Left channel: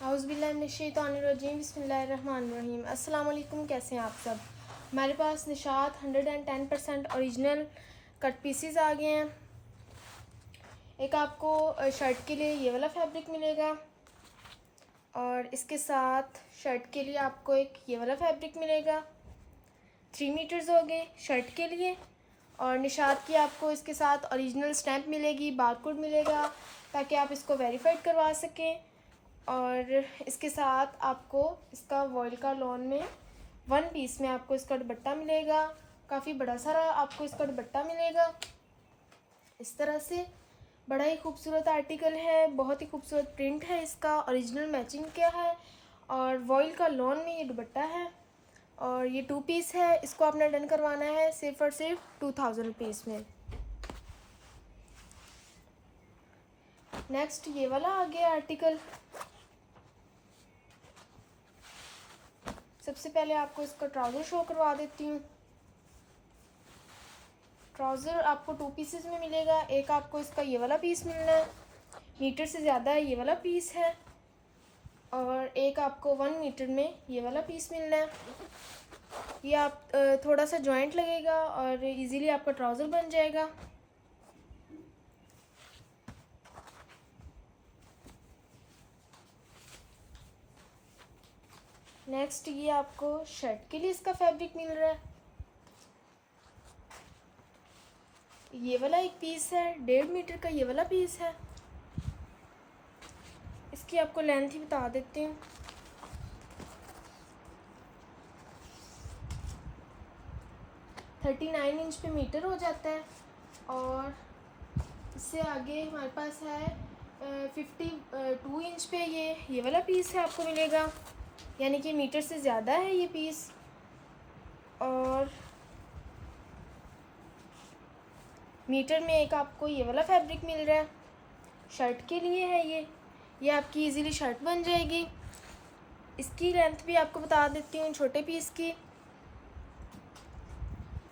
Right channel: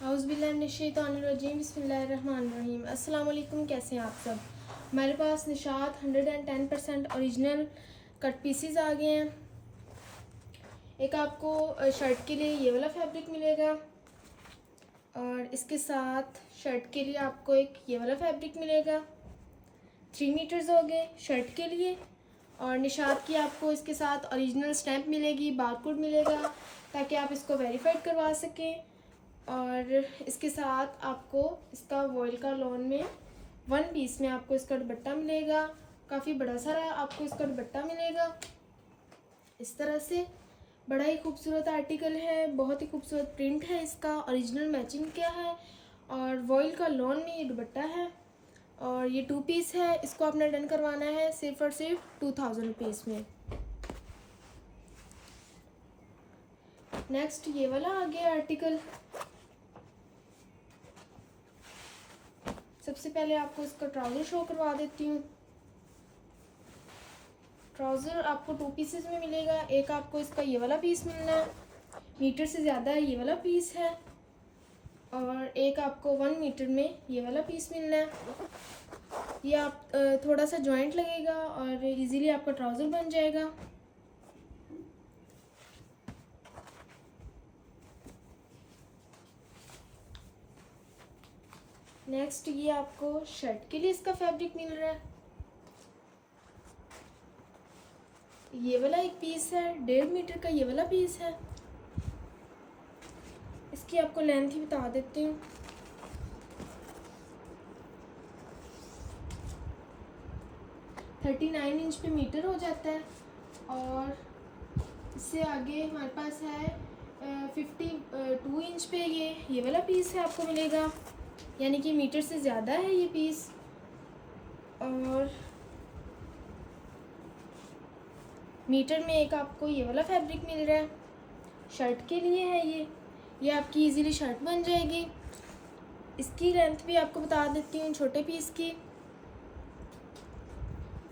औज़ुबिल्लाहिमिनश्शैतानिर्रजीम बिस्मिल्लाहिर्रहमानिर्रहीम। अस्सलाम वालेकुम, कैसे हैं आप सब। हमारे पास निशात 110% ओरिजिनल कट पीसीज आ गए हैं। एक आपको शर्ट के लिए ये वाला फैब्रिक मिलेगा और इसके साथ शर्ट के लिए आपको एक ये वाला फैब्रिक मिलेगा। 3 मीटर्स हो गए शर्ट के लिए। और निशात की आपको इसके साथ ओरिजिनल स्टैम्प मिलेगी, बारकोड मिलेगा ताकि आप इसको वेरीफाइड करवा सकें। और इसके साथ आपको इसका वॉइल का लॉन में 1 पीस में आपको इसका दुपट्टा मिलेगा। काफ़ी बड़ा सारा आपको इसका दुपट्टा मिलेगा। इस तरह से बड़ा ही खूबसूरत आर्टिकल है, बहुत ही खूबसूरत प्रिंट है इसका, ओरिजिनल मैचिंग किया है और वॉइल का लॉन में ये दुपट्टा है। और ये 2 पीस है, इसको आपने डन करवाना है सिर्फ और सिर्फ 2000 रुपीज़ में। नेक्स्ट ये वाला आ गया आर्टिकल। सबसे पहले आपको इसका ट्राउज़र शो करवा देती हूँ। ट्राउज़र आपको 2 पीसेस में मिलेगा। एक आपको इसका ये वाला पीस मिलना है, मीटर से ज़्यादा ये वाला पीस है। और एक आपको 1 मीटर में ये वाला पीस मिलना है। ये आप थोड़ा सा जॉइंट लगेगा और इजीली आपका ट्राउज़र बन जाएगा। नेक्स्ट ये आपको शर्ट के लिए इसका फैब्रिक मिल रहा है। ये वाला एक पीस है, 1.5 मीटर का ये वाला पीस है। इसकी आपको लेंथ ही बता देती हूँ। थर्टी 39 इंच पे मीटर हो जाता है। और इससे आगे हमारे पास है 52 इंच पे ये वाला पीस है आपको मिलेगा, यानी कि मीटर से ज़्यादा है ये पीस। और मीटर में एक आपको ये वाला फैब्रिक मिल रहा है, शर्ट के लिए है ये आपकी इजीली शर्ट बन जाएगी। इसकी लेंथ भी आपको बता देती हूँ। छोटे पीस की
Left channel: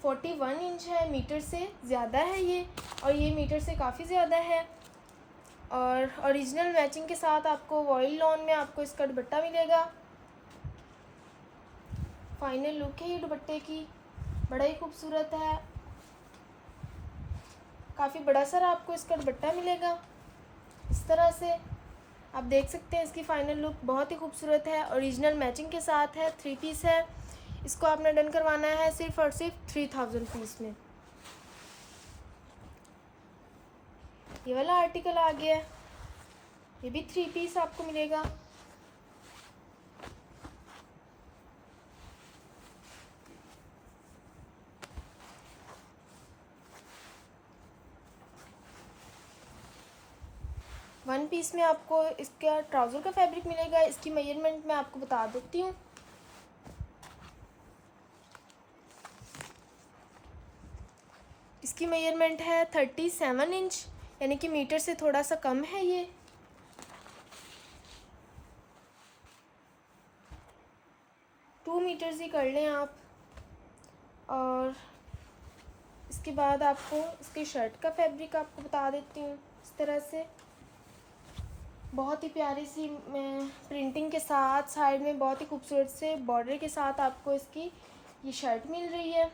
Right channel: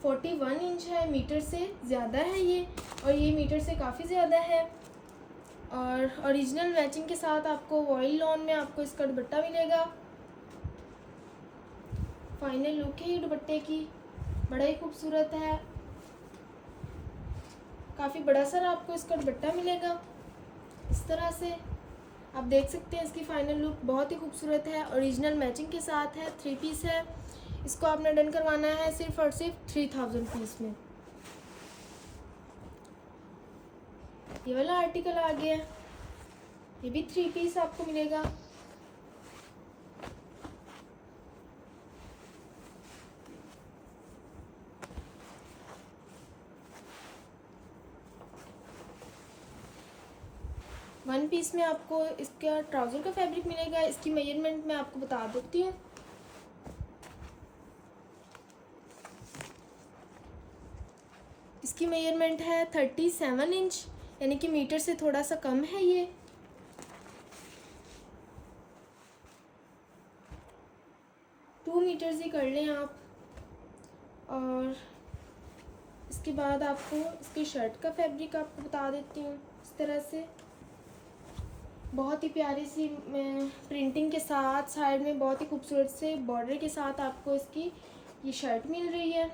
41 इंच है, मीटर से ज़्यादा है ये, और ये मीटर से काफ़ी ज़्यादा है। और ओरिजिनल मैचिंग के साथ आपको वॉइल लॉन में आपको इसका दुपट्टा मिलेगा। फाइनल लुक है ये दुपट्टे की, बड़ा ही खूबसूरत है। काफ़ी बड़ा सारा आपको इसका दुपट्टा मिलेगा। इस तरह से आप देख सकते हैं इसकी फाइनल लुक बहुत ही खूबसूरत है। ओरिजिनल मैचिंग के साथ है, 3 पीस है। इसको आपने डन करवाना है सिर्फ और सिर्फ 3000 रुपीज़ में। ये वाला आर्टिकल आ गया, ये भी 3 पीस आपको मिलेगा। वन पीस में आपको इसका ट्राउज़र का फैब्रिक मिलेगा। इसकी मेजरमेंट मैं आपको बता देती हूँ। इसकी मेजरमेंट है 37 इंच, यानी कि मीटर से थोड़ा सा कम है ये। टू मीटर्स ही कर लें आप। और इसके बाद आपको इसके शर्ट का फैब्रिक आपको बता देती हूँ। इस तरह से बहुत ही प्यारी सी प्रिंटिंग के साथ, साइड में बहुत ही खूबसूरत से बॉर्डर के साथ आपको इसकी ये शर्ट मिल रही है।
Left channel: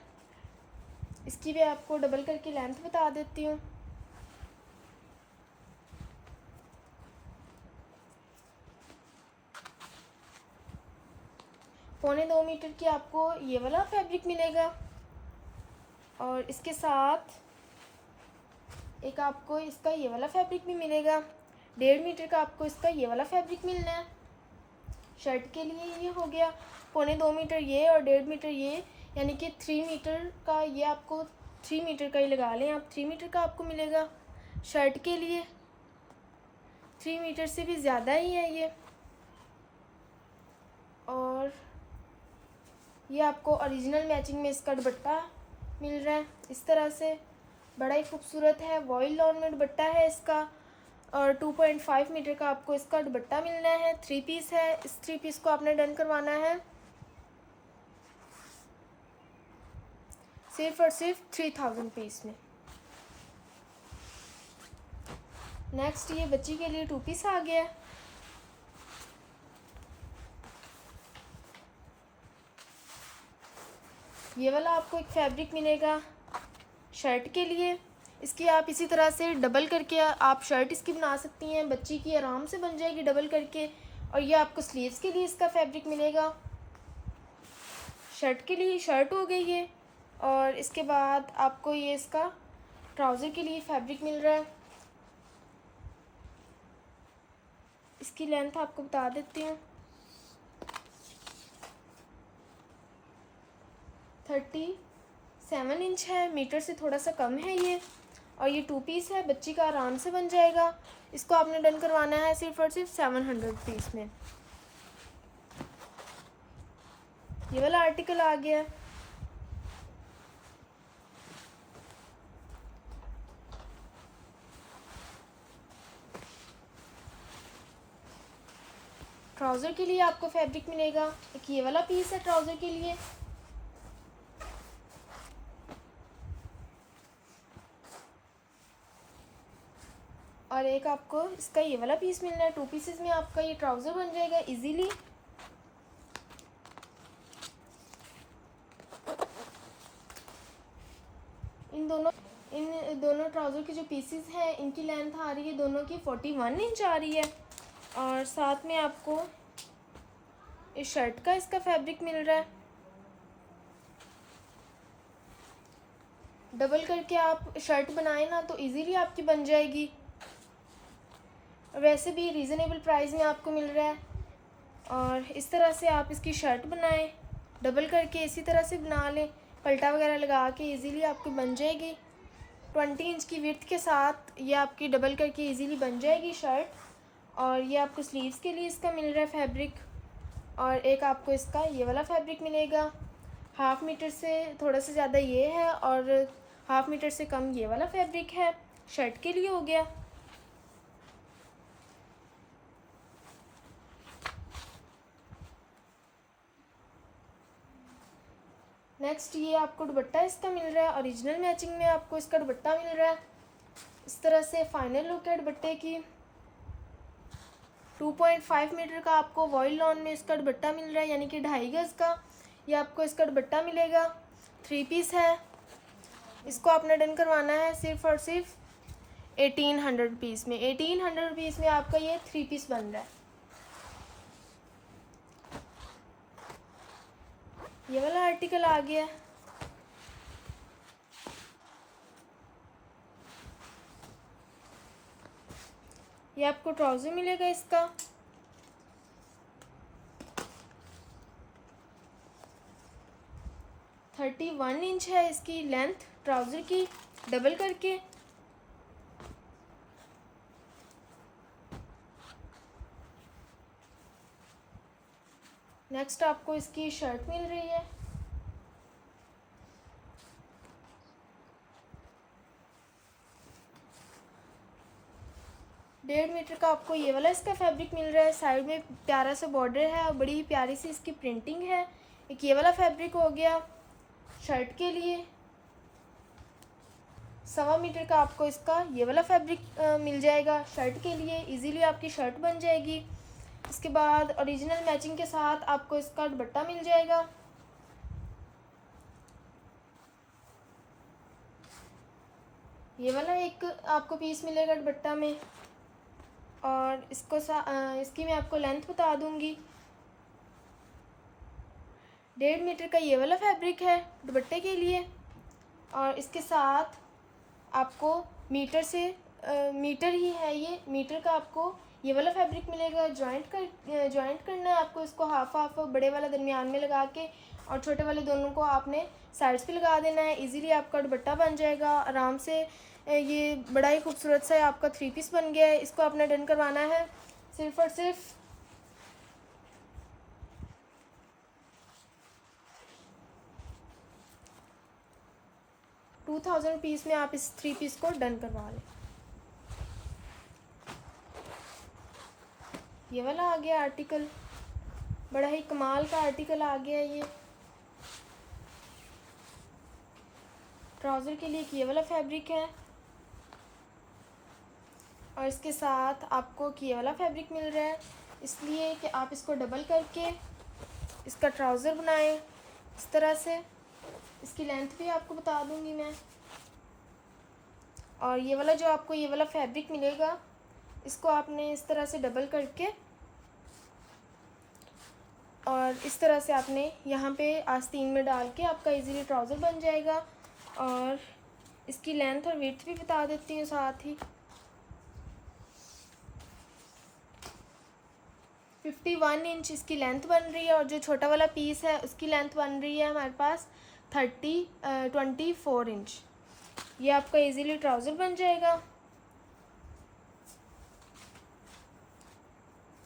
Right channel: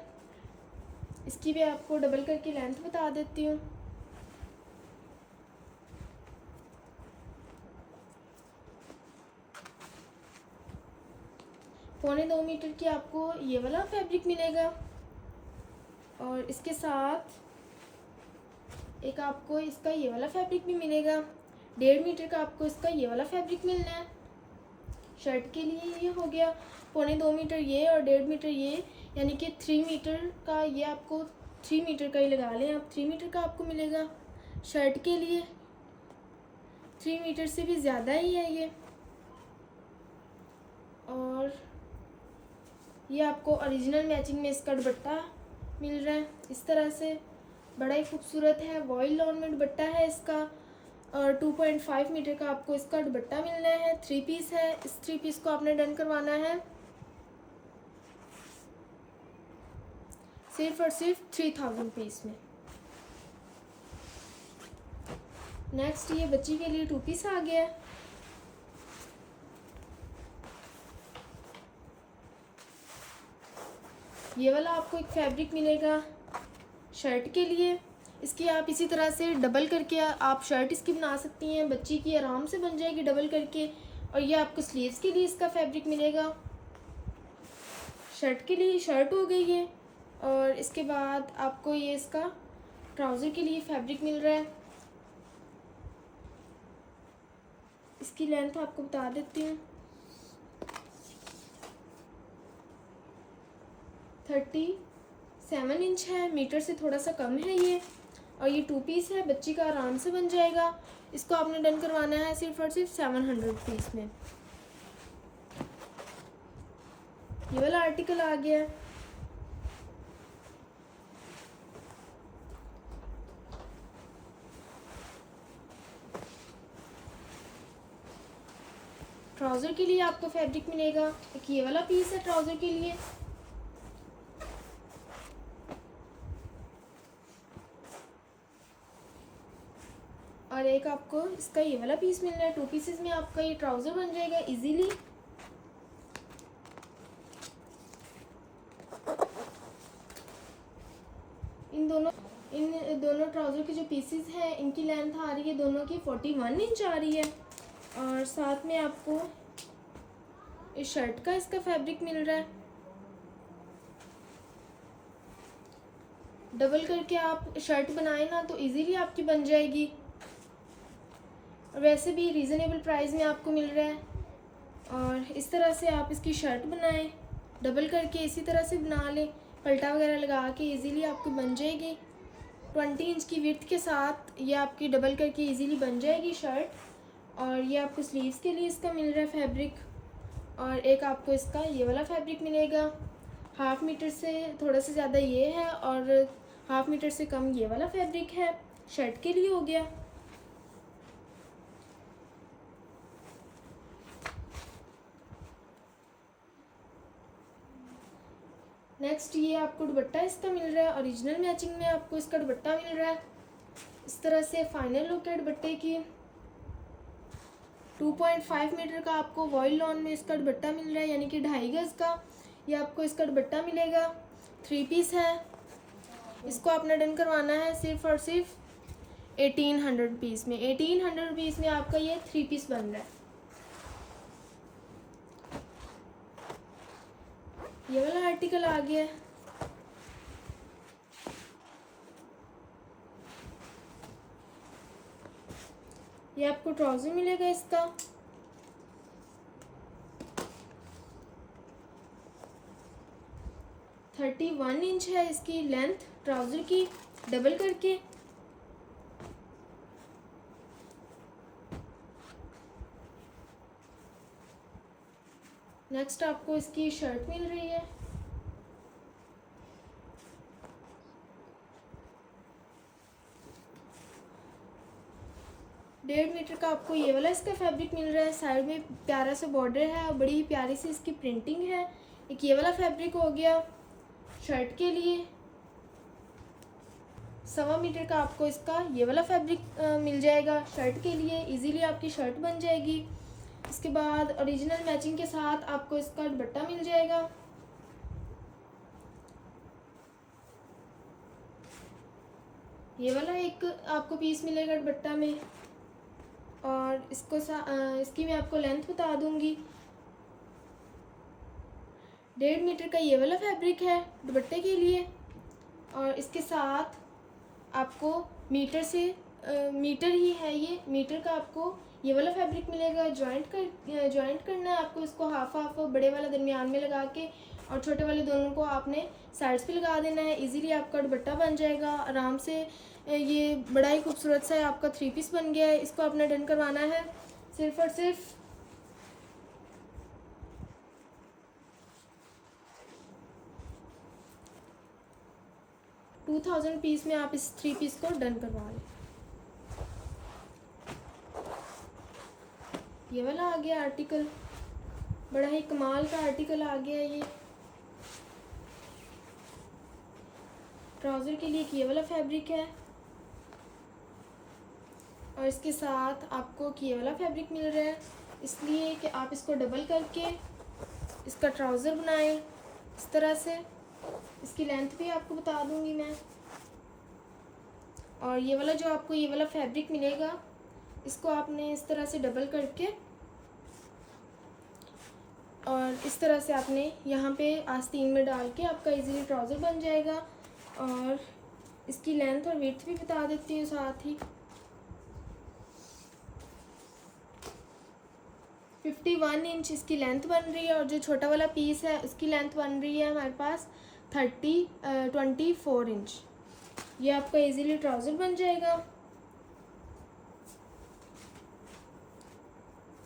इसकी भी आपको डबल करके लेंथ बता देती हूँ। पौने 2 मीटर की आपको ये वाला फैब्रिक मिलेगा। और इसके साथ एक आपको इसका ये वाला फैब्रिक भी मिलेगा। 1.5 मीटर का आपको इसका ये वाला फैब्रिक मिलना है। शर्ट के लिए ये हो गया। पौने 2 मीटर ये और 1.5 मीटर ये, यानी कि 3 मीटर का ये आपको 3 मीटर का ही लगा लें आप। 3 मीटर का आपको मिलेगा शर्ट के लिए। 3 मीटर से भी ज़्यादा ही है ये। और ये आपको ओरिजिनल मैचिंग में इसका दुपट्टा मिल रहा है। इस तरह से बड़ा ही खूबसूरत है, वॉइल लॉन में दुपट्टा है इसका। और 2.5 मीटर का आपको इसका दुपट्टा मिलना है। 3 पीस है। इस 3 पीस को आपने डन करवाना है सिर्फ और सिर्फ 3000 पीस में। नेक्स्ट ये बच्ची के लिए 2 पीस आ गया। ये वाला आपको एक फैब्रिक मिलेगा शर्ट के लिए। इसकी आप इसी तरह से डबल करके आप शर्ट इसकी बना सकती हैं, बच्ची की आराम से बन जाएगी डबल करके। और ये आपको स्लीव्स के लिए इसका फैब्रिक मिलेगा। शर्ट के लिए शर्ट हो गई है। और इसके बाद आपको ये इसका ट्राउज़र के लिए फैब्रिक मिल रहा है। इसकी लेंथ आपको बता देती हूँ, 37 इंच है, मीटर से थोड़ा सा कम है ये। और ये 2 पीस है, बच्ची का आराम से बन जाएगा। इसको आपने डन करवाना है सिर्फ और सिर्फ 700 रुपीज़ में। ये वाला आर्टिकल आ गया है। ट्राउज़र के लिए आपको फैब्रिक मिलेगा। एक ये वाला पीस है ट्राउज़र के लिए। और एक आपको इसका ये वाला पीस मिल रहा है। 2 पीसेस में आपका ये ट्राउज़र बन जाएगा इजीली। इन दोनों ट्राउज़र के जो पीसेस हैं इनकी लेंथ आ रही है दोनों की 41 इंच आ रही है। और साथ में आपको इस शर्ट का इसका फैब्रिक मिल रहा है। डबल करके आप शर्ट बनाए ना तो इजीली आपकी बन जाएगी। वैसे भी रीज़नेबल प्राइस में आपको मिल रहा है। और इस तरह से आप इसकी शर्ट बनाएं, डबल करके इसी तरह से बना लें, पलटा वगैरह लगा के इजीली आपकी बन जाएगी। 20 इंच की विड्थ के साथ ये आपकी डबल करके इजीली बन जाएगी शर्ट। और ये आपको स्लीव्स के लिए इसका मिल रहा है फैब्रिक। और एक आपको इसका ये वाला फैब्रिक मिलेगा। 1/2 मीटर से थोड़ा सा ज़्यादा ये है और 1/2 मीटर से कम ये वाला फैब्रिक है। शर्ट के लिए हो गया। नेक्स्ट ये आपको दुपट्टा इसका मिल रहा है। ओरिजिनल मैचिंग में आपको इसका दुपट्टा मिल रहा है। इस तरह से फाइनल लुक है दुपट्टे की। 2.5 मीटर का आपको वॉइल लॉन में इसका दुपट्टा मिल रहा है, यानी कि 2.5 गज का ये आपको इसका दुपट्टा मिलेगा। 3 पीस है। इसको आपने डन करवाना है सिर्फ और सिर्फ 1800 रुपीज़ में। 1800 रुपीज़ में आपका ये 3 पीस बन रहा है। ये वाला आर्टिकल आ गया। ये आपको ट्राउज़र मिलेगा इसका। थर्टी 31 इंच है इसकी लेंथ ट्राउज़र की डबल करके। नेक्स्ट आपको इसकी शर्ट मिल रही है। डेढ़ मीटर का आपको ये वाला इसका फैब्रिक मिल रहा है। साइड में प्यारा सा बॉर्डर है और बड़ी ही प्यारी सी इसकी प्रिंटिंग है। एक ये वाला फैब्रिक हो गया शर्ट के लिए। 1.25 मीटर का आपको इसका ये वाला फैब्रिक मिल जाएगा शर्ट के लिए। इजीली आपकी शर्ट बन जाएगी। इसके बाद ओरिजिनल मैचिंग के साथ आपको इसका दुपट्टा मिल जाएगा। ये वाला एक आपको पीस मिलेगा दुपट्टा में। और इसकी मैं आपको लेंथ बता दूंगी। 1.5 मीटर का ये वाला फैब्रिक है दुपट्टे के लिए। और इसके साथ आपको मीटर ही है ये, मीटर का आपको ये वाला फैब्रिक मिलेगा। जॉइंट करना है आपको इसको हाफ बड़े वाला दरमियान में लगा के और छोटे वाले दोनों को आपने साइड्स पे लगा देना है। इजीली आपका दुपट्टा बन जाएगा आराम से। ये बड़ा ही खूबसूरत सा आपका 3 पीस बन गया है। इसको आपने डन करवाना है सिर्फ और सिर्फ 2000 पीस में आप इस 3 पीस को डन करवा लें। ये वाला आ गया आर्टिकल, बड़ा ही कमाल का आर्टिकल आ गया। ये ट्राउज़र के लिए ये वाला फैब्रिक है। और इसके साथ आपको ये वाला फैब्रिक मिल रहा है, इसलिए कि आप इसको डबल करके इसका ट्राउज़र बनाएं इस तरह से। इसकी लेंथ भी आपको बता दूंगी मैं। और ये वाला जो आपको ये वाला फैब्रिक मिलेगा, इसको आपने इस तरह से डबल करके और इस तरह से आपने यहाँ पे आस्तीन में डाल के आपका इजीली ट्राउज़र बन जाएगा। और इसकी लेंथ और विड्थ भी बता देती हूँ साथ ही। 51 इंच इसकी लेंथ बन रही है और जो छोटा वाला पीस है उसकी लेंथ बन रही है हमारे पास 24 इंच। ये आपका इजीली ट्राउज़र बन जाएगा।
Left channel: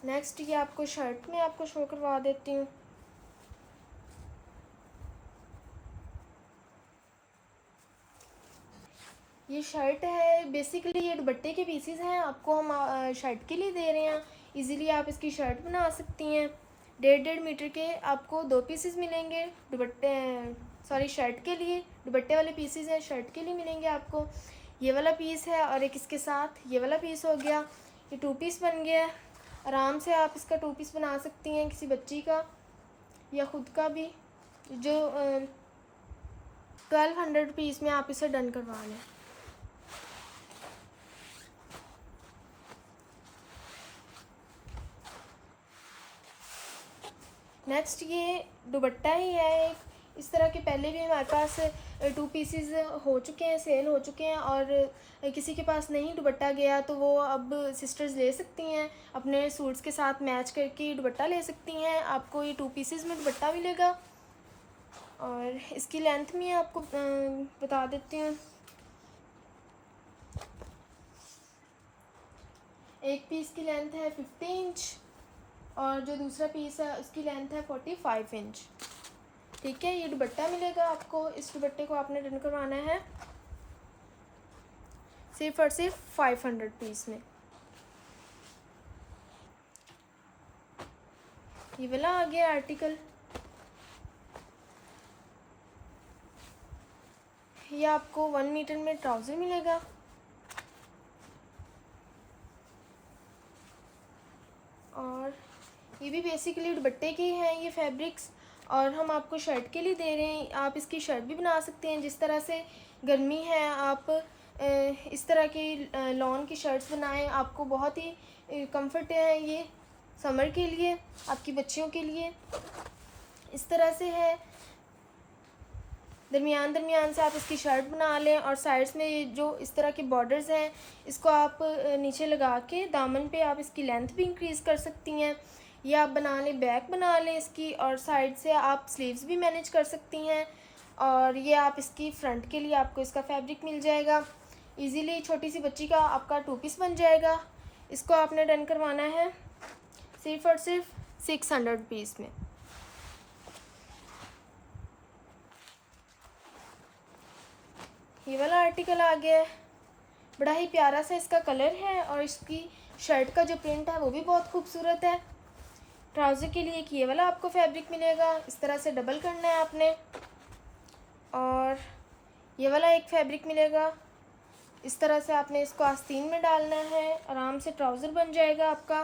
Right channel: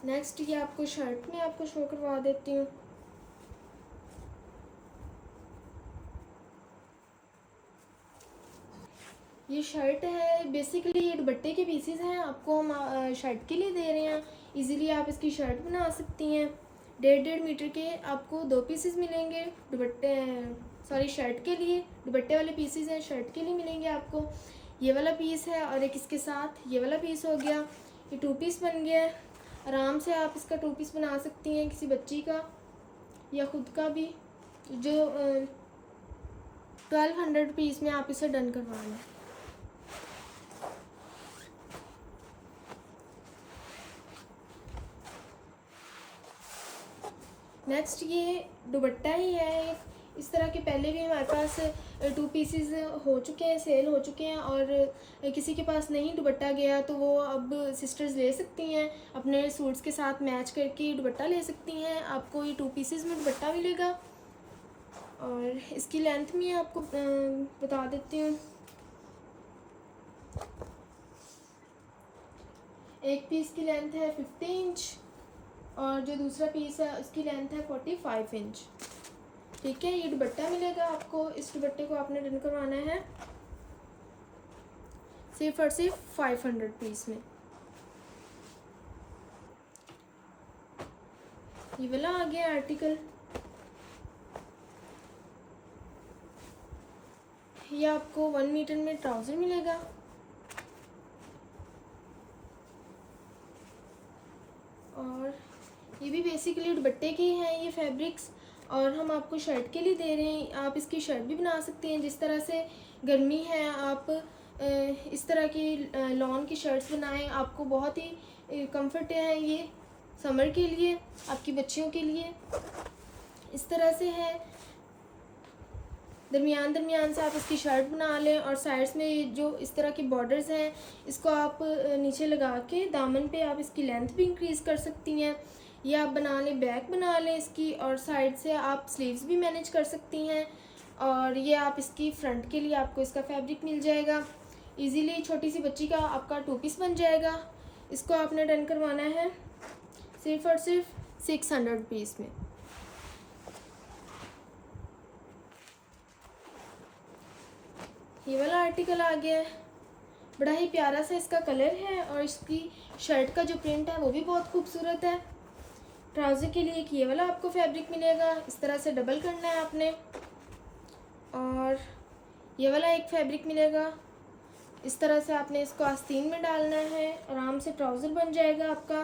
नेक्स्ट ये आपको शर्ट में आपको शो करवा देती हूँ। ये शर्ट है, बेसिकली ये दुपट्टे के पीसेस हैं, आपको हम शर्ट के लिए दे रहे हैं। इजीली आप इसकी शर्ट बना सकती हैं। 1.5 मीटर के आपको 2 पीसेस मिलेंगे दुपट्टे, सॉरी शर्ट के लिए। दुपट्टे वाले पीसेस हैं, शर्ट के लिए मिलेंगे आपको। ये वाला पीस है और एक इसके साथ ये वाला पीस हो गया। ये 2 पीस बन गया है। आराम से आप इसका 2 पीस बना सकती हैं, किसी बच्ची का या ख़ुद का भी। जो 1200 रुपीज़ में आप इसे डन करवा लें। नेक्स्ट ये दुपट्टा ही है। इस तरह के पहले भी हमारे पास 2 पीसेस हो चुके हैं, सेल हो चुके हैं। और किसी के पास नहीं दुपट्टा गया तो वो अब सिस्टर्स ले सकती हैं, अपने सूट्स के साथ मैच करके दुपट्टा ले सकती हैं। आपको ये 2 पीसेस में दुपट्टा मिलेगा। और इसकी लेंथ में आपको बता देती हूँ। एक पीस की लेंथ है 50 इंच और जो दूसरा पीस है उसकी लेंथ है 45 इंच। ठीक है, ये दुपट्टा मिलेगा आपको। इस दुपट्टे को आपने डन करवाना है सिर्फ और सिर्फ 500 पीस में। ये वाला आ गया आर्टिकल। ये आपको 1 मीटर में ट्राउज़र मिलेगा। और ये भी बेसिकली दुपट्टे के हैं ये फैब्रिक्स, और हम आपको शर्ट के लिए दे रहे हैं। आप इसकी शर्ट भी बना सकते हैं। जिस तरह से गर्मी है, आप इस तरह की लॉन की शर्ट्स बनाएं, आपको बहुत ही कंफर्ट है ये समर के लिए, आपकी बच्चियों के लिए। इस तरह से है, दरमियान से आप इसकी शर्ट बना लें। और साइड्स में जो इस तरह के बॉर्डर्स हैं, इसको आप नीचे लगा के दामन पे आप इसकी लेंथ भी इंक्रीज़ कर सकती हैं। ये आप बना लें, बैक बना लें इसकी, और साइड से आप स्लीव्स भी मैनेज कर सकती हैं। और ये आप इसकी फ्रंट के लिए आपको इसका फैब्रिक मिल जाएगा। इजीली छोटी सी बच्ची का आपका 2 पीस बन जाएगा। इसको आपने डन करवाना है सिर्फ और सिर्फ 600 रुपीज़ में। ये वाला आर्टिकल आ गया है, बड़ा ही प्यारा सा इसका कलर है और इसकी शर्ट का जो प्रिंट है वो भी बहुत खूबसूरत है। ट्राउज़र के लिए एक ये वाला आपको फैब्रिक मिलेगा। इस तरह से डबल करना है आपने। और ये वाला एक फैब्रिक मिलेगा। इस तरह से आपने इसको आस्तीन में डालना है, आराम से ट्राउज़र बन जाएगा आपका।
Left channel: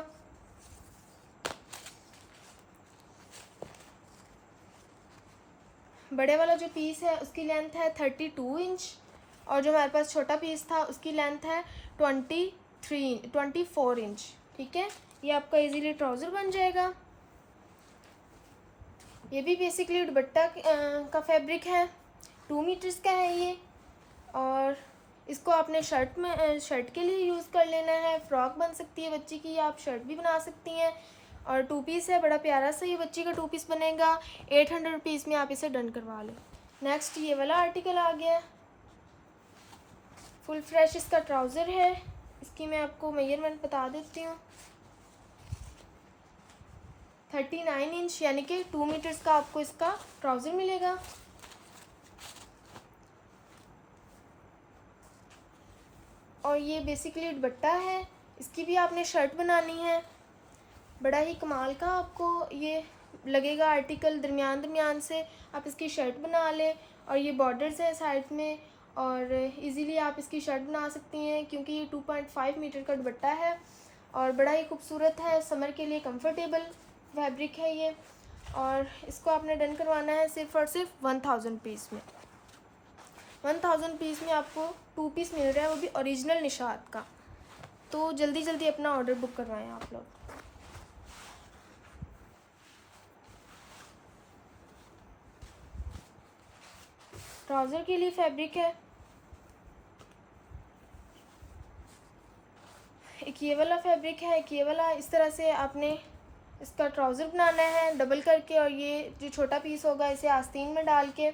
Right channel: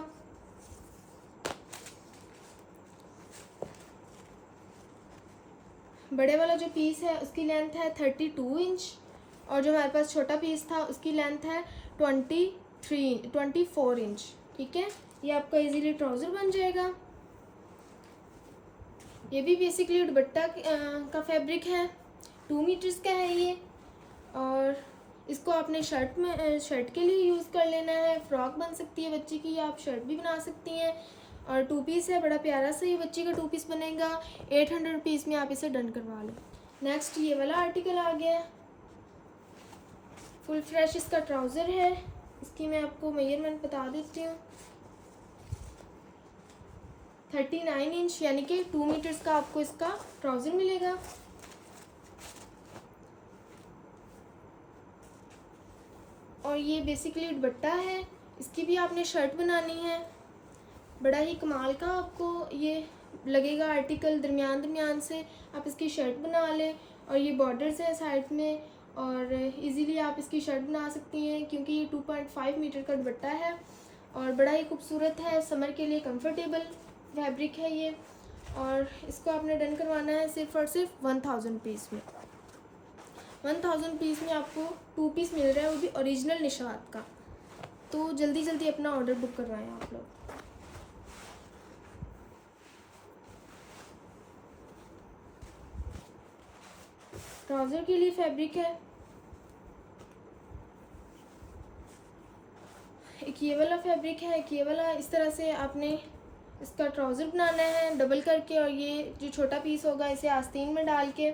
बड़े वाला जो पीस है उसकी लेंथ है 32 इंच और जो हमारे पास छोटा पीस था उसकी लेंथ है 24 इंच। ठीक है, ये आपका इजीली ट्राउज़र बन जाएगा। ये भी बेसिकली दुपट्टा का फैब्रिक है, 2 मीटर्स का है ये। और इसको आपने शर्ट के लिए यूज़ कर लेना है। फ्रॉक बन सकती है बच्ची की, या आप शर्ट भी बना सकती हैं। और 2 पीस है, बड़ा प्यारा सा ये बच्ची का 2 पीस बनेगा। 800 रुपीज़ में आप इसे डन करवा लें। नेक्स्ट ये वाला आर्टिकल आ गया, फुल फ्रेश इसका ट्राउज़र है। इसकी मैं आपको मेजरमेंट बता देती हूँ। 39 इंच यानी कि 2 मीटर्स का आपको इसका ट्राउज़र मिलेगा। और ये बेसिकली दुपट्टा है, इसकी भी आपने शर्ट बनानी है। बड़ा ही कमाल का आपको ये लगेगा आर्टिकल। दरमियान से आप इसकी शर्ट बना लें। और ये बॉर्डर्स हैं साइड में, और इजीली आप इसकी शर्ट बना सकती हैं क्योंकि ये 2.5 मीटर का दुपट्टा है और बड़ा ही खूबसूरत है। समर के लिए कंफर्टेबल फैब्रिक है ये। और इसको आपने डन करवाना है सिर्फ और सिर्फ 1000 पीस में। 1000 पीस में आपको 2 पीस मिल रहा है, वो भी ओरिजिनल निशात का। तो जल्दी जल्दी अपना ऑर्डर बुक करवाएं आप लोग। ट्राउज़र के लिए फैब्रिक है एक ये वाला फैब्रिक है, एक ये वाला। इस तरह से आपने इसका ट्राउज़र बनाना है डबल करके, और ये जो छोटा पीस होगा इसे आस्तीन में डाल के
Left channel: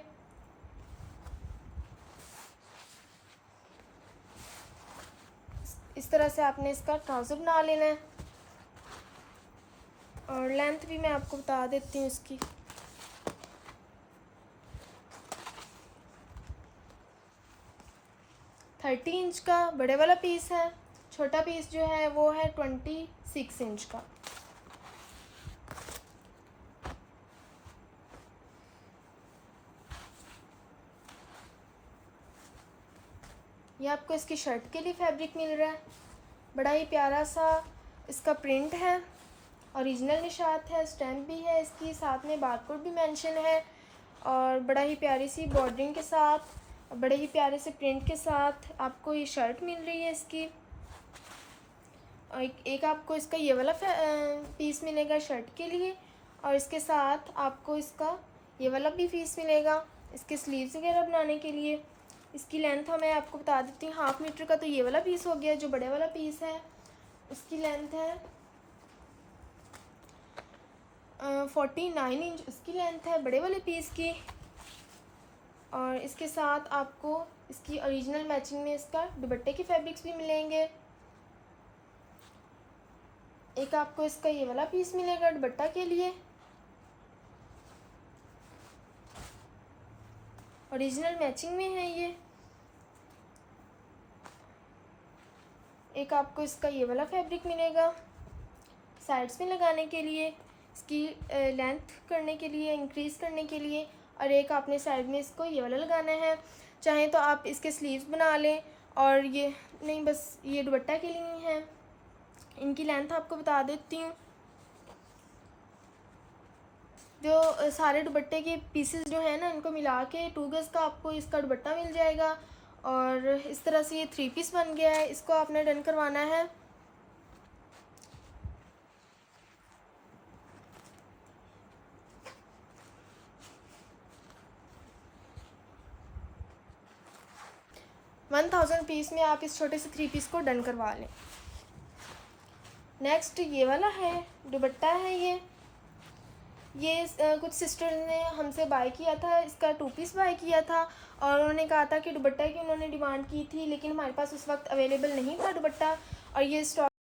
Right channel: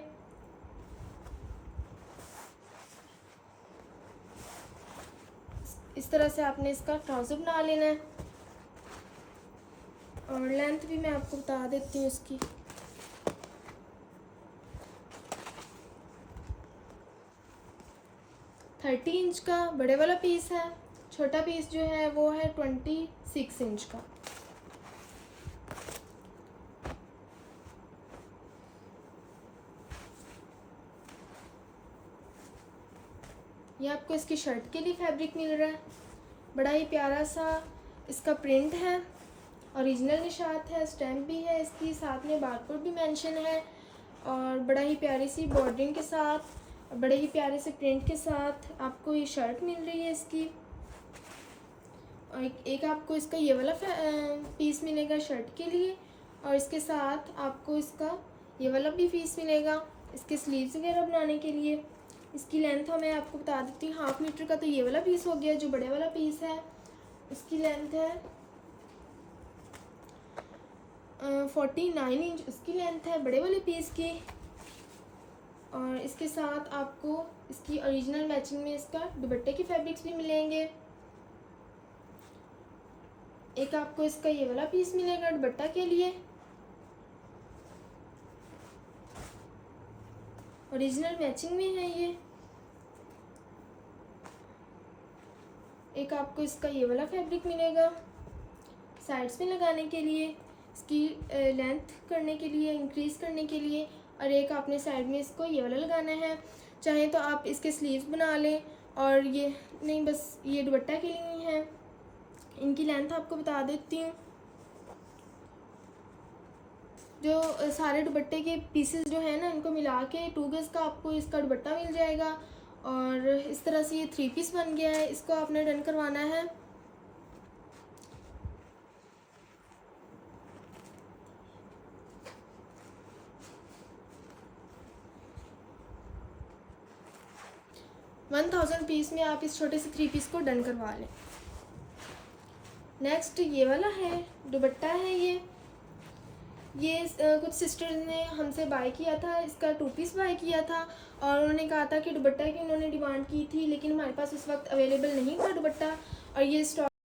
इस तरह से आपने इसका ट्राउज़र बना लेना है। और लेंथ भी मैं आपको बता देती हूँ इसकी। थर्टी इंच का बड़े वाला पीस है, छोटा पीस जो है वो है 26 इंच का। ये आपको इसकी शर्ट के लिए फैब्रिक मिल रहा है। बड़ा ही प्यारा सा इसका प्रिंट है, ओरिजिनल निशात है, स्टैम्प भी है इसकी, साथ में बारकोड भी मेंशन है, और बड़ा ही प्यारी सी बॉर्डरिंग के साथ, बड़े ही प्यारे से प्रिंट के साथ आपको ये शर्ट मिल रही है इसकी। और एक आपको इसका ये वाला पीस मिलेगा शर्ट के लिए, और इसके साथ आपको इसका ये वाला भी पीस मिलेगा इसके स्लीव्स वगैरह बनाने के लिए। इसकी लेंथ मैं आपको बता देती हूँ, 1/2 मीटर का तो ये वाला पीस हो गया। जो बड़े वाला पीस है उसकी लेंथ है 49 इंच उसकी लेंथ है बड़े वाले पीस की। और इसके साथ आपको इसकी ओरिजिनल मैचिंग में इसका दुपट्टे के फैब्रिक्स भी मिलेंगे। एक आपको इसका ये वाला पीस मिलेगा दुपट्टा के लिए, ओरिजिनल मैचिंग में है ये। एक आपको इसका ये वाला फैब्रिक मिलेगा साइड्स में लगाने के लिए, इसकी लेंथ करने के लिए, इंक्रीज़ करने के लिए। और एक आपने साइड में इसको ये वाला लगाना है। चाहे तो आप इसके स्लीव्स बना लें, और ये नहीं, बस ये दुपट्टा के लिए ही है। इनकी लेंथ आपको बता देती हूँ। जो सारे दुपट्टे के पीसेस जो हैं ना, इनको मिला के 2 गज़ का आपको इसका दुपट्टा मिल जाएगा। और इस तरह से ये 3 पीस बन गया है। इसको आपने डन करवाना है $1000 पीस में। आप इस छोटे से 3 पीस को डन करवा लें। नेक्स्ट ये वाला है दुपट्टा है ये कुछ सिस्टर्स ने हमसे बाय किया था, इसका 2 पीस बाय किया था, और उन्होंने कहा था कि दुपट्टा की उन्होंने डिमांड की थी, लेकिन हमारे पास उस वक्त अवेलेबल नहीं था दुपट्टा। और ये स्टॉक